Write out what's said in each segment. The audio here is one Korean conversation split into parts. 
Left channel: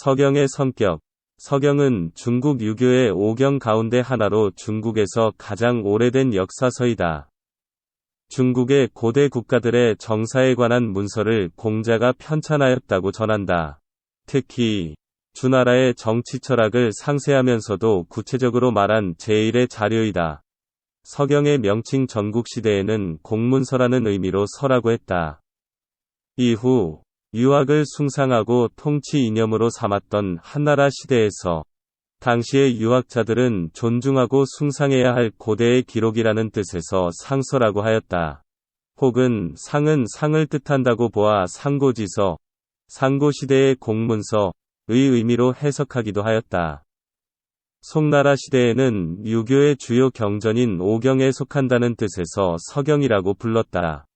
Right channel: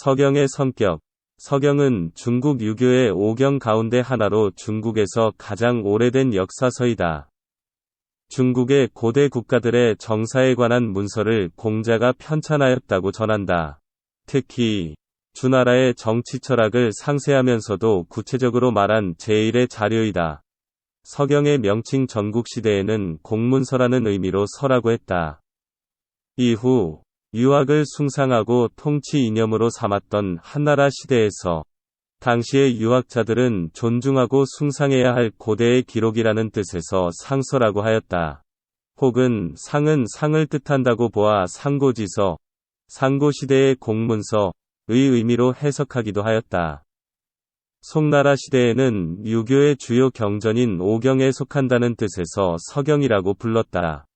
서경의 성격. 서경은 중국 유교의 5경 가운데 하나로 중국에서 가장 오래된 역사서이다. 중국의 고대 국가들의 정사에 관한 문서를 공자가 편찬하였다고 전한다. 특히 주나라의 정치 철학을 상세하면서도 구체적으로 말한 제1의 자료이다. 서경의 명칭 전국시대에는 공문서라는 의미로 서라고 했다. 이후 유학을 숭상하고 통치 이념으로 삼았던 한나라 시대에서 당시의 유학자들은 존중하고 숭상해야 할 고대의 기록이라는 뜻에서 상서라고 하였다. 혹은 상은 상을 뜻한다고 보아 상고지서, 상고시대의 공문서의 의미로 해석하기도 하였다. 송나라 시대에는 유교의 주요 경전인 오경에 속한다는 뜻에서 서경이라고 불렀다.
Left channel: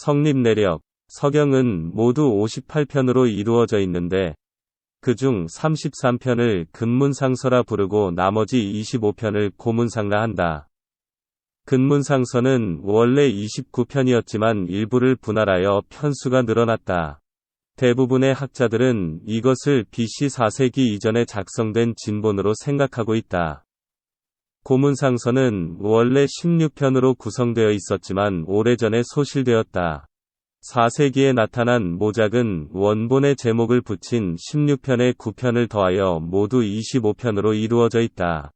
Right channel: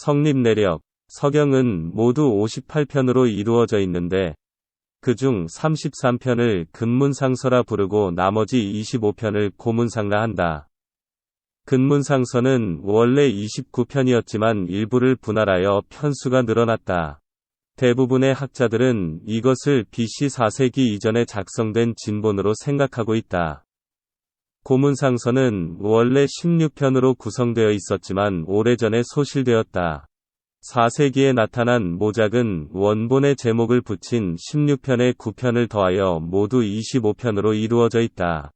성립내력. 서경은 모두 58편으로 이루어져 있는데 그중 33편을 근문상서라 부르고 나머지 25편을 고문상라 한다. 근문상서는 원래 29편이었지만 일부를 분할하여 편수가 늘어났다. 대부분의 학자들은 이것을 BC 4세기 이전에 작성된 진본으로 생각하고 있다. 고문상서는 원래 16편으로 구성되어 있었지만 오래전에 소실되었다. 4세기에 나타난 모작은 원본의 제목을 붙인 16편에 9편을 더하여 모두 25편으로 이루어져 있다.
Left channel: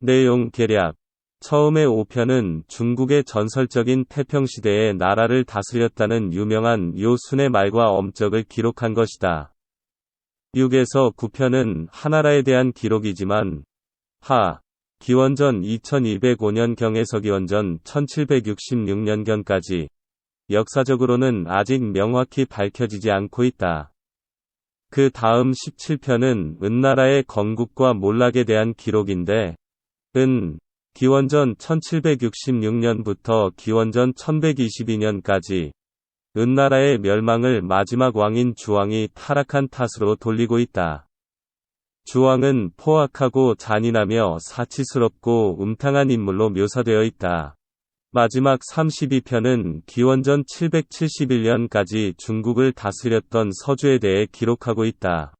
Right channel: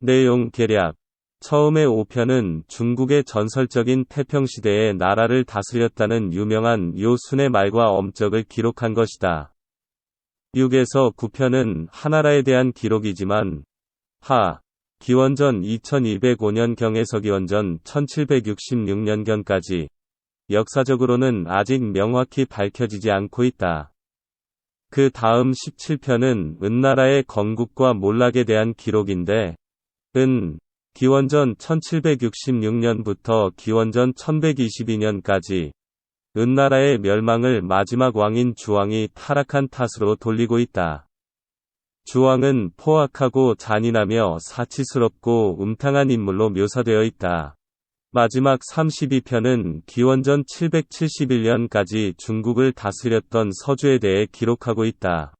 내용 계략. 처음의 5편은 중국의 전설적인 태평시대에 나라를 다스렸다는 유명한 요순의 말과 엄적을 기록한 것이다. 6에서 9편은 하나라에 대한 기록이지만 기원전 2205년경에서 기원전 1766년경까지 역사적으로는 아직 명확히 밝혀지지 않고 있다. 그 다음 17편은 은나라의 건국과 몰락에 대한 기록인데 기원전 1766년부터 기원전 1122년까지 은나라의 멸망을 마지막 왕인 주왕이 타락한 탓으로 돌리고 있다. 주왕은 포악하고 잔인하며 사치스럽고 음탕한 인물로 묘사되어 있다. 마지막 32편은 기원전 771년까지 중국을 다스렸던 서주에 대해 기록하고 있다.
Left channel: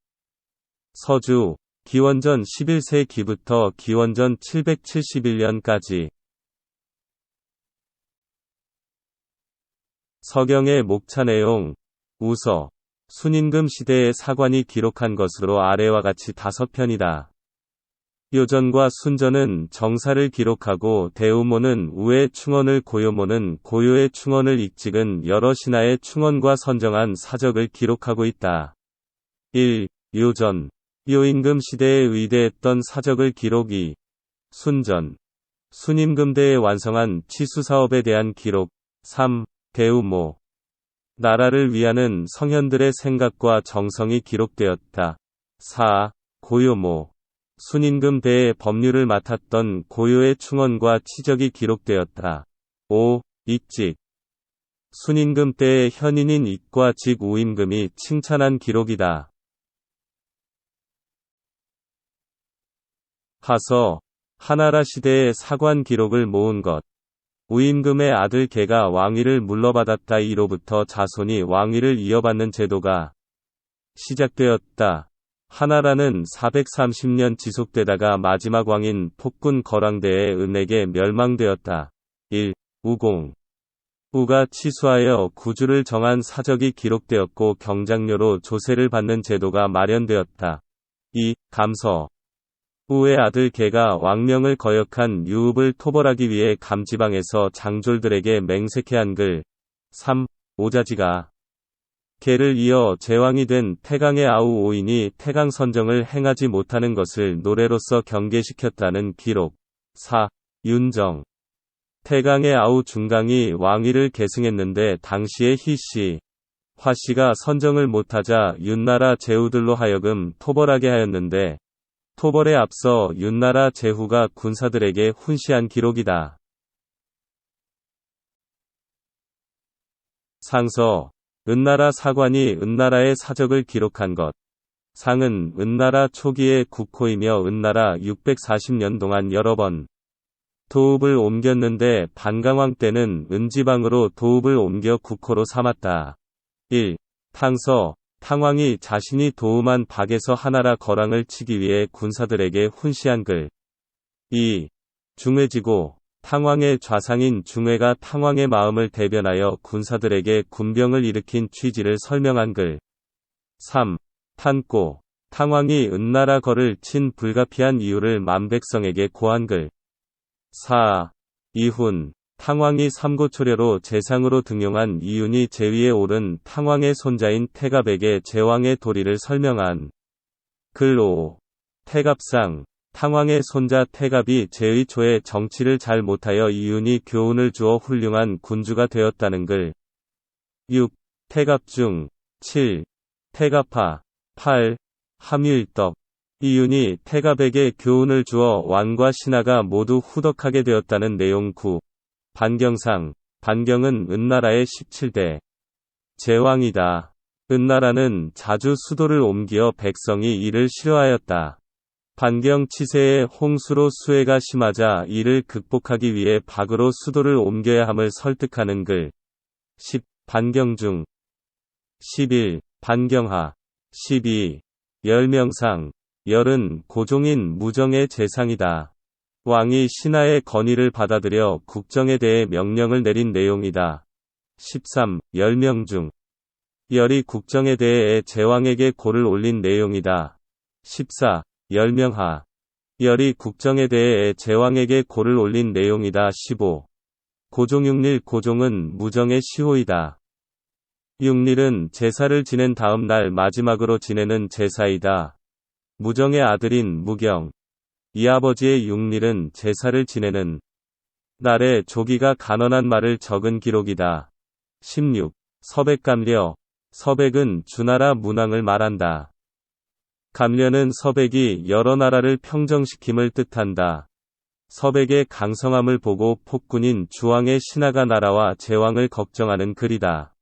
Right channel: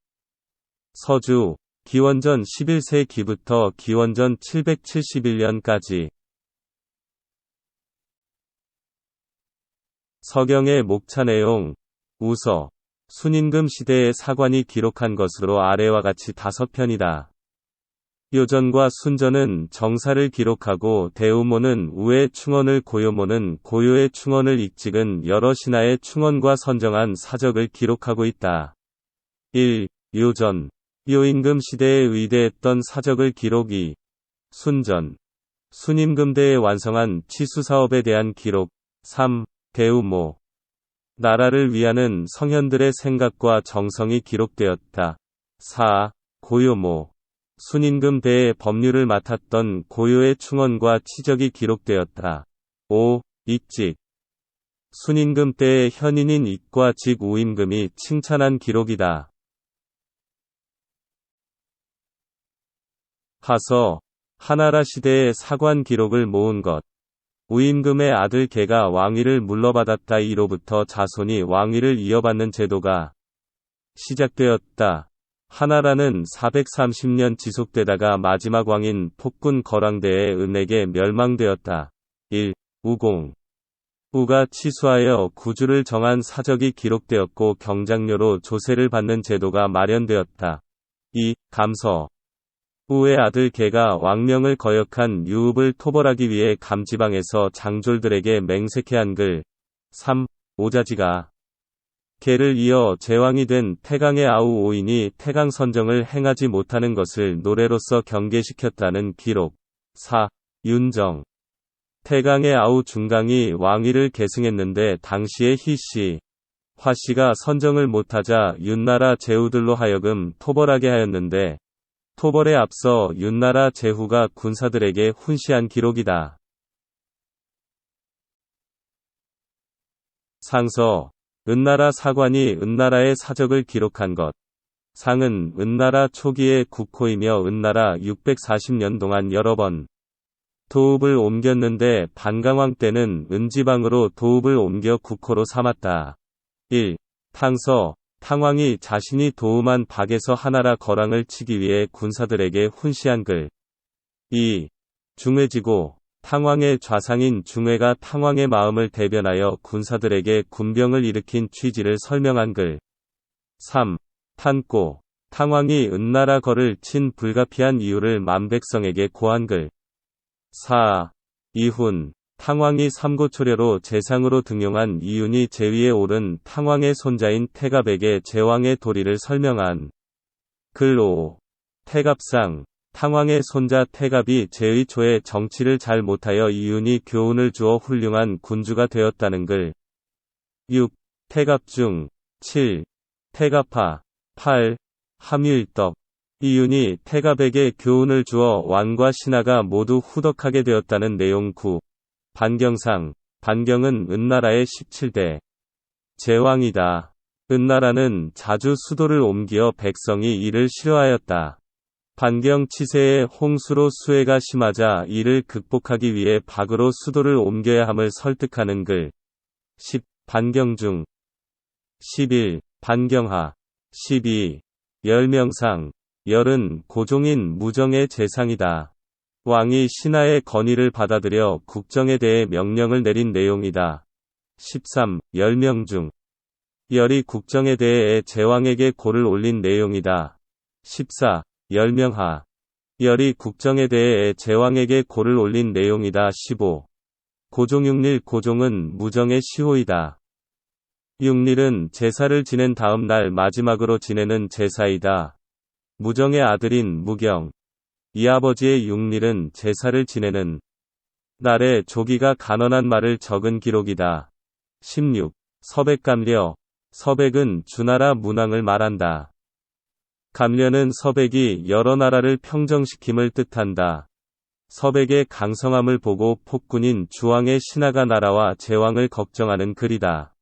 서주, 기원전 11세기부터 기원전 771년까지. 서경의 목차 내용. 우서, 순임금 시대의 사관이 기록한 것으로 아래와 같이 5편이다. 요전과 순전은 정사를 기록하고 대우모는 우의 충언을 고요모는 고요의 충언을 익직은 여러 신하의 충언과 선정한 사적을 기록하고 있다. 1. 요전. 요임금 시대에 의대했던 사적을 기록. 2. 순전. 순임금 때에 완성한 치수사업에 대한 기록. 3. 대우모. 나라를 위하는 성현들의 생각과 정성이 기록되었다. 4. 고요모. 순임금 때에 법률을 맡았던 고요의 충언과 치적이 기록되었다. 5. 익직. 순임금 때의 현인인 익과 직 우임금이 칭찬한 기록이다. 하서. 하나라 시대의 사관 기록을 모은 것. 우임금의 아들 개가 왕위를 물러받았다. 이로부터 자손이 왕위를 이어받는 제도가 시작되었다. 하나라는 430년 지속되다가 마지막 왕인 폭군 거랑대의 은에게 멸망되었다. 1. 우공. 우가 치수하여 구주를 정한 사적이 기록되었고 경장료로 조세를 받는 제도가 마련되었다. 2. 감서. 우의 아들 개가 왕명을 거역한 유읍을 토벌하기 위해 감지방에서 장졸들에게 맹세케한 글. 3. 오자지가. 개를 이어 제왕이 된 태강의 아우 오인이 태강 선정을 행하지 못하는 것을 노래로서 경계시켰다는 기록. 4. 윤정. 태강의 아우 중강이 왕위를 계승했는데 당시의 희씨, 화씨가 선정을 못하자 윤나라 제후들로 하여금 토벌하게 하였는데 토벌에 앞서 윤나라 제후가 군사들에게 훈시한 기록이다. 상서. 은나라 사관이 은나라의 사적을 기록한 것. 상은 은나라 초기의 국호이며 은나라 640년 동안 여러 번 도읍을 옮겼는데 반강왕 때는 은지방으로 도읍을 옮겨 국호로 삼았다. 1. 탕서, 탕왕이 자신이 도움한 박에서 하나라 거랑을 치기 위해 군사들에게 훈시한 글. 2. 중회지고, 탕왕의 좌상인 중회가 탕왕의 마음을 대변하여 군사들에게 군병을 일으킨 취지를 설명한 글. 3. 탄고, 탕왕이 은나라 거를 친 불가피한 이유를 만백성에게 고한 글. 4. 이훈, 탕왕이 삼고초려로 재상으로 등용한 이윤이 제위에 오른 탕왕의 손자인 태갑에게 제왕의 도리를 설명한 글. 5. 태갑상, 탕왕의 손자 태갑이 제의 초에 정치를 잘 못하여 이윤이 교훈을 주어 훌륭한 군주가 되었다는 글. 6. 태갑중. 7. 태갑하. 8. 함유일덕. 이윤이 태갑에게 교훈을 주어 왕과 신하가 모두 후덕하게 되었다는 내용. 9. 반경상, 반경은 은나라의 17대 제왕이다. 은나라는 자주 수도를 옮겨 백성이 이를 싫어하였다. 반경 치세에 홍수로 수해가 심하자 이를 극복하기 위해 박으로 수도를 옮겨야 함을 설득하는 글. 10. 반경중. 11. 반경하. 12. 열명상, 열은 고종인 무정의 재상이다. 왕이 신하의 건의를 받아들여 국정에 대해 명령을 내린 내용이다. 13. 열명중. 열이 국정에 대해 제왕에게 고를 올린 내용이다. 14. 열명하. 열이 국정에 대해 제왕에게 고를 올린 내용이다. 15. 고종육릴. 고종은 무정의 시호이다. 육릴은 제사를 지낸 다음 날 마지막으로 지내는 제사이다. 무정의 아들인 무경, 이 아버지의 육릴은 제사를 지내는 날에 조기가 간언한 말을 적은 기록이다. 16. 서백감려. 서백은 주나라 문왕을 말한다. 감려는 서백이 여러 나라를 평정시킴을 뜻한다. 서백의 강성함을 보고 폭군인 주왕의 신하가 나라와 제왕을 걱정하는 글이다.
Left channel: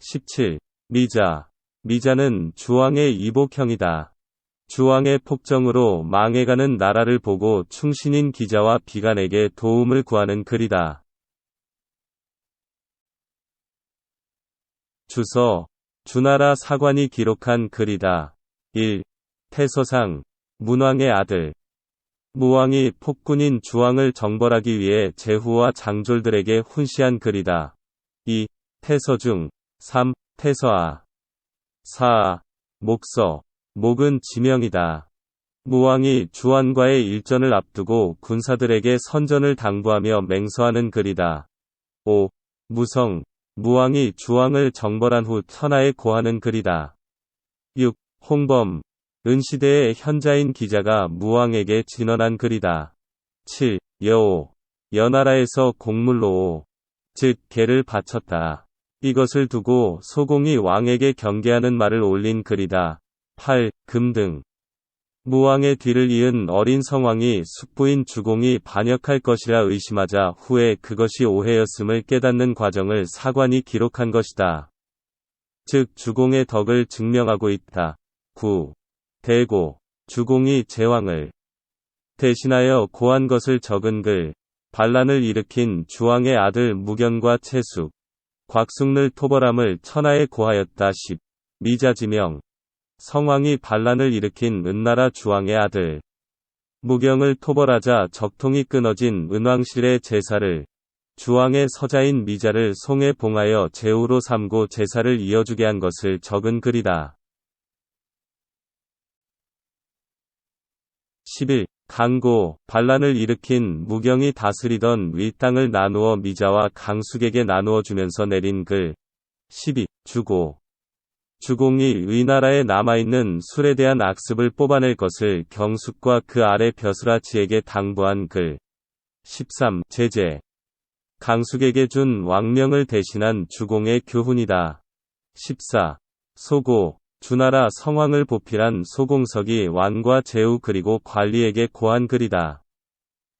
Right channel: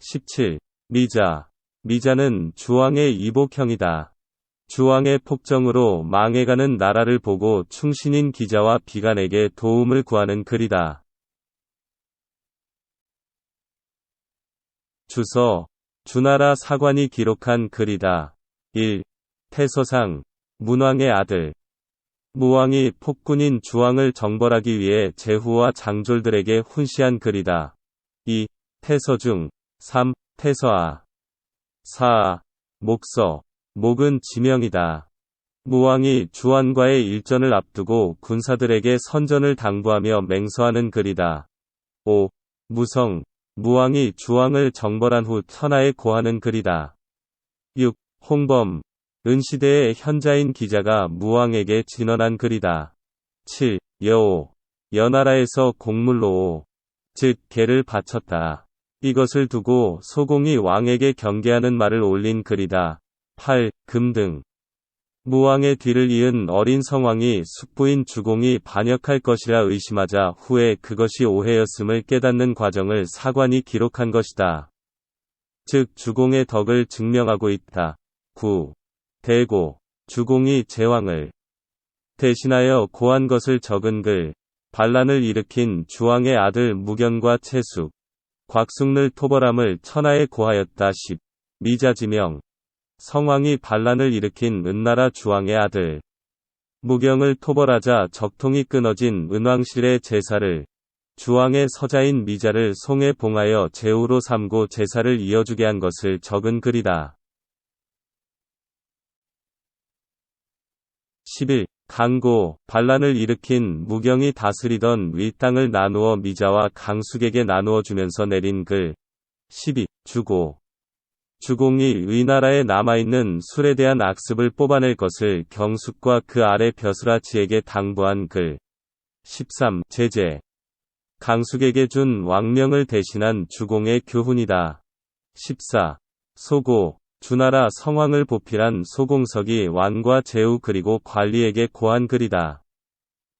17. 미자. 미자는 주왕의 이복형이다. 주왕의 폭정으로 망해가는 나라를 보고 충신인 기자와 비관에게 도움을 구하는 글이다. 주서. 주나라 사관이 기록한 글이다. 1. 태서상. 문왕의 아들. 무왕이 폭군인 주왕을 정벌하기 위해 제후와 장졸들에게 훈시한 글이다. 2. 태서중. 3. 태서하. 4. 목서. 목은 지명이다. 무왕이 주왕과의 일전을 앞두고 군사들에게 선전을 당부하며 맹서하는 글이다. 5. 무성. 무왕이 주왕을 정벌한 후 천하에 고하는 글이다. 6. 홍범. 은시대의 현자인 기자가 무왕에게 진언한 글이다. 7. 여오. 여나라에서 공물로 즉 개를 바쳤다. 이것을 두고 소공이 왕에게 경계하는 말을 올린 글이다. 8. 금등. 무왕의 뒤를 이은 어린 성왕이 숙부인 주공이 반역할 것이라 의심하자 후에 그것이 오해였음을 깨닫는 과정을 사관이 기록한 것이다. 즉 주공의 덕을 증명하고 있다. 9. 대고. 주공이 제왕을 대신하여 고한 것을 적은 글. 반란을 일으킨 주왕의 아들 무견과 채숙, 곽숙를 토벌함을 천하에 고하였다. 10. 미자지명. 성왕이 반란을 일으킨 은나라 주왕의 아들 무경을 토벌하자 적통이 끊어진 은왕실의 제사를 주왕의 서자인 미자를 송에 봉하여 제후로 삼고 제사를 이어주게 한 것을 적은 글이다. 11. 강고. 반란을 일으킨 무경이 다스리던 윗땅을 나누어 미자와 강숙에게 나누어 주면서 내린 글. 12. 주고. 주공이 위나라에 남아있는 술에 대한 악습을 뽑아낼 것을 경숙과 그 아래 벼슬아치에게 당부한 글. 13. 제재. 강숙에게 준 왕명을 대신한 주공의 교훈이다. 14. 소고. 주나라 성왕을 보필한 소공석이 왕과 제후 그리고 관리에게 고한 글이다.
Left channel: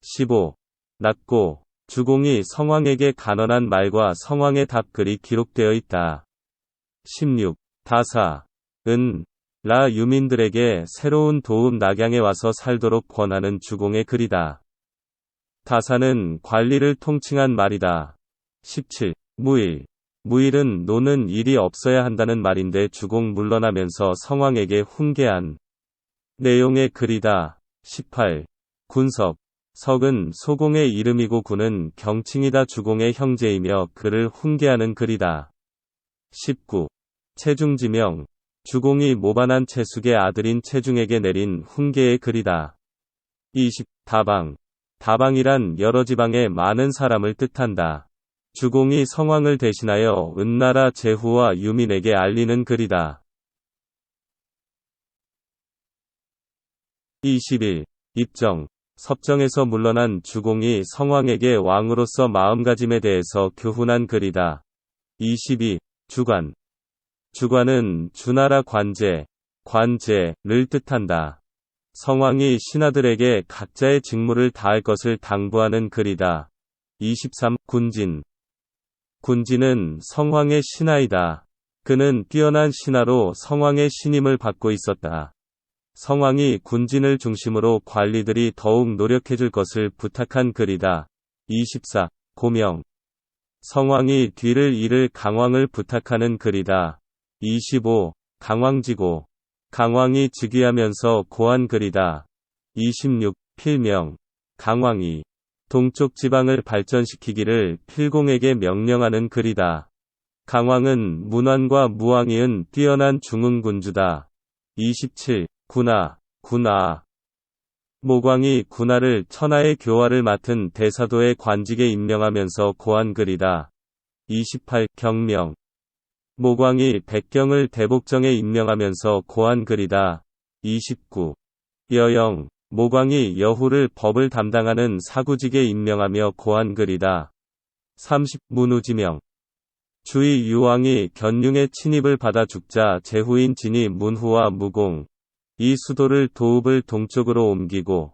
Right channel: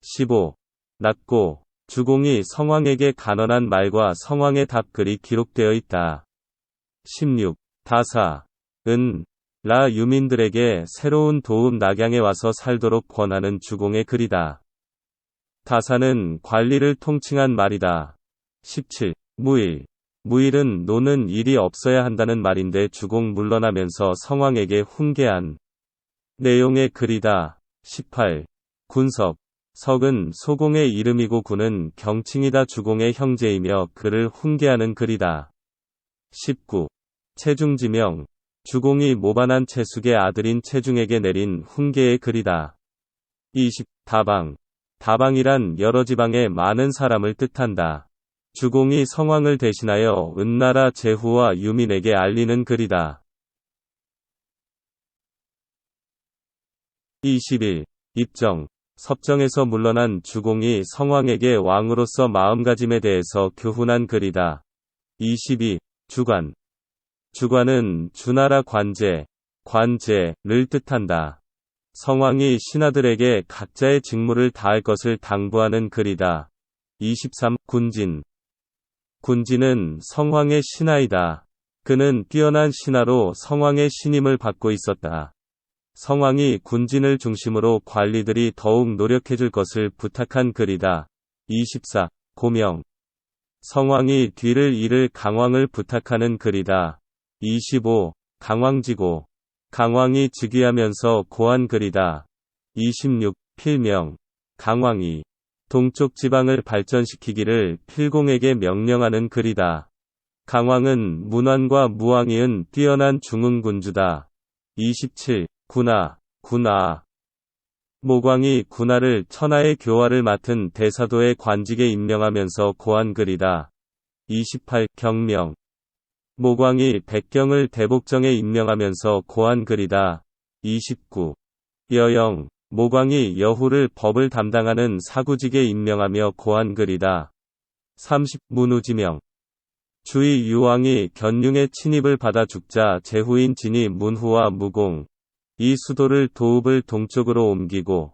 15. 낮고. 주공이 성왕에게 간언한 말과 성왕의 답글이 기록되어 있다. 16. 다사. 은. 라 유민들에게 새로운 도읍 낙양에 와서 살도록 권하는 주공의 글이다. 다사는 관리를 통칭한 말이다. 17. 무일. 무일은 노는 일이 없어야 한다는 말인데 주공 물러나면서 성왕에게 훈계한 내용의 글이다. 18. 군석. 석은 소공의 이름이고 군은 경칭이다. 주공의 형제이며 그를 훈계하는 글이다. 19. 체중지명. 주공이 모반한 체숙의 아들인 체중에게 내린 훈계의 글이다. 20. 다방. 다방이란 여러 지방의 많은 사람을 뜻한다. 주공이 성왕을 대신하여 은나라 제후와 유민에게 알리는 글이다. 21. 입정. 섭정에서 물러난 주공이 성왕에게 왕으로서 마음가짐에 대해서 교훈한 글이다. 22. 주관. 주관은 주나라 관제, 관제를 뜻한다. 성왕이 신하들에게 각자의 직무를 다할 것을 당부하는 글이다. 23. 군진. 군진은 성왕의 신하이다. 그는 뛰어난 신하로 성왕의 신임을 받고 있었다. 성왕이 군진을 중심으로 관리들이 더욱 노력해줄 것을 부탁한 글이다. 24. 고명. 성왕이 뒤를 이을 강왕을 부탁하는 글이다. 25. 강왕지고. 강왕이 즉위하면서 고한 글이다. 26. 필명. 강왕이 동쪽 지방을 발전시키기를 필공에게 명령하는 글이다. 강왕은 문왕과 무왕이은 뛰어난 중흥군주다. 27. 군하. 군하. 모광이 군하를 천하의 교화를 맡은 대사도의 관직에 임명하면서 고한 글이다. 28. 경명. 모광이 백경을 대복정에 임명하면서 고한 글이다. 29. 여영. 모광이 여후를 법을 담당하는 사구직에 임명하며 고한 글이다. 30. 문우지명. 주의 유왕이 견융의 친입을 받아 죽자 제후인 진이 문후와 무공, 이 수도를 도읍을 동쪽으로 옮기고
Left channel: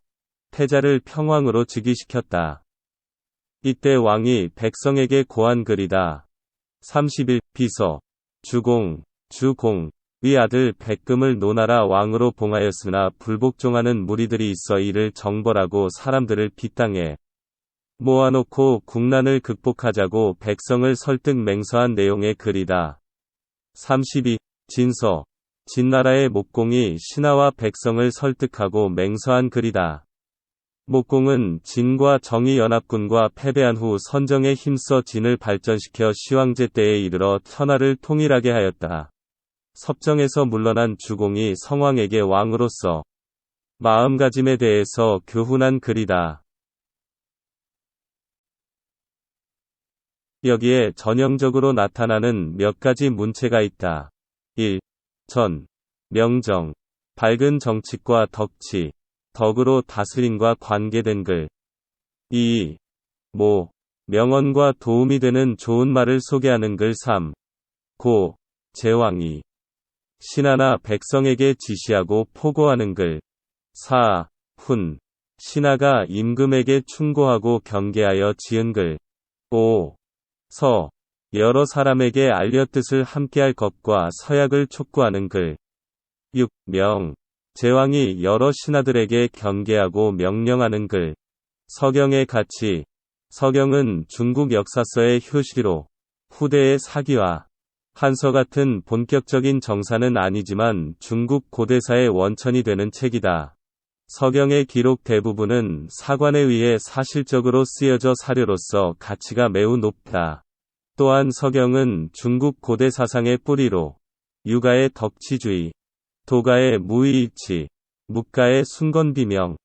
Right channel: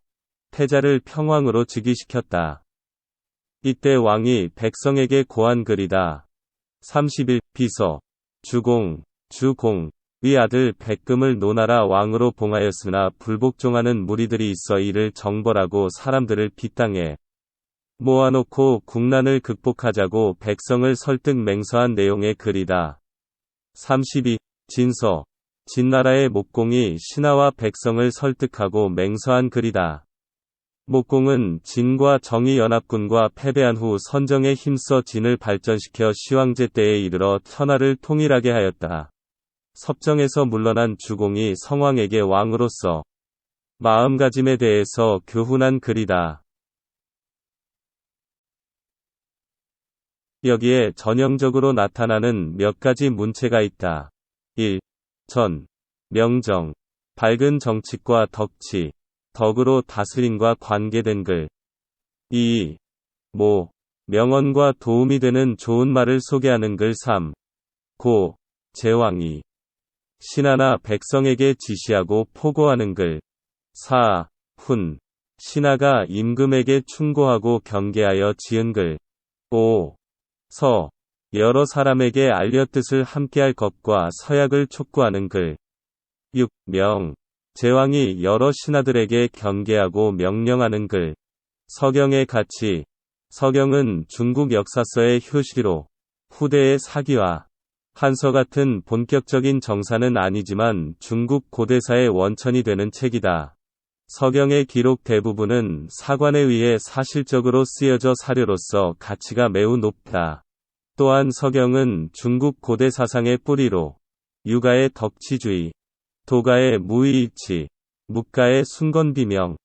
태자를 평왕으로 즉위시켰다. 이때 왕이 백성에게 고한 글이다. 31. 비서. 주공, 주공의 아들 백금을 노나라 왕으로 봉하였으나 불복종하는 무리들이 있어 이를 정벌하고 사람들을 빗땅에 모아놓고 국난을 극복하자고 백성을 설득 맹서한 내용의 글이다. 32. 진서. 진나라의 목공이 신하와 백성을 설득하고 맹서한 글이다. 목공은 진과 정의연합군과 패배한 후 선정에 힘써 진을 발전시켜 시황제 때에 이르러 천하를 통일하게 하였다. 섭정에서 물러난 주공이 성왕에게 왕으로서 마음가짐에 대해서 교훈한 글이다. 여기에 전형적으로 나타나는 몇 가지 문체가 있다. 1. 전. 명정. 밝은 정치과 덕치. 덕으로 다스림과 관계된 글. 2. 모. 명언과 도움이 되는 좋은 말을 소개하는 글. 3. 고. 제왕이 신하나 백성에게 지시하고 포고하는 글. 4. 훈. 신하가 임금에게 충고하고 경계하여 지은 글. 5. 서. 여러 사람에게 알려 뜻을 함께할 것과 서약을 촉구하는 글. 6. 명. 제왕이 여러 신하들에게 경계하고 명령하는 글. 서경의 가치. 서경은 중국 역사서의 효시로 후대의 사기와 한서 같은 본격적인 정사는 아니지만 중국 고대사의 원천이 되는 책이다. 서경의 기록 대부분은 사관에 의해 사실적으로 쓰여져 사료로서 가치가 매우 높다. 또한 서경은 중국 고대 사상의 뿌리로 유가의 덕치주의, 도가의 무의일치, 묵가의 순건비명,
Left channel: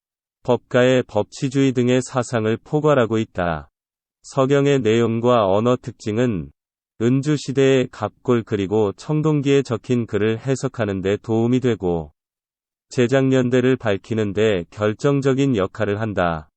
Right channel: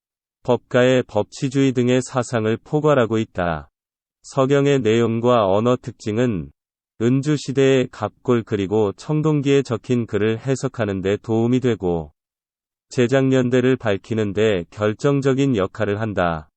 법가의 법치주의 등의 사상을 포괄하고 있다. 서경의 내용과 언어 특징은 은주시대의 갑골 그리고 청동기에 적힌 글을 해석하는 데 도움이 되고 제작년대를 밝히는 데 결정적인 역할을 한다.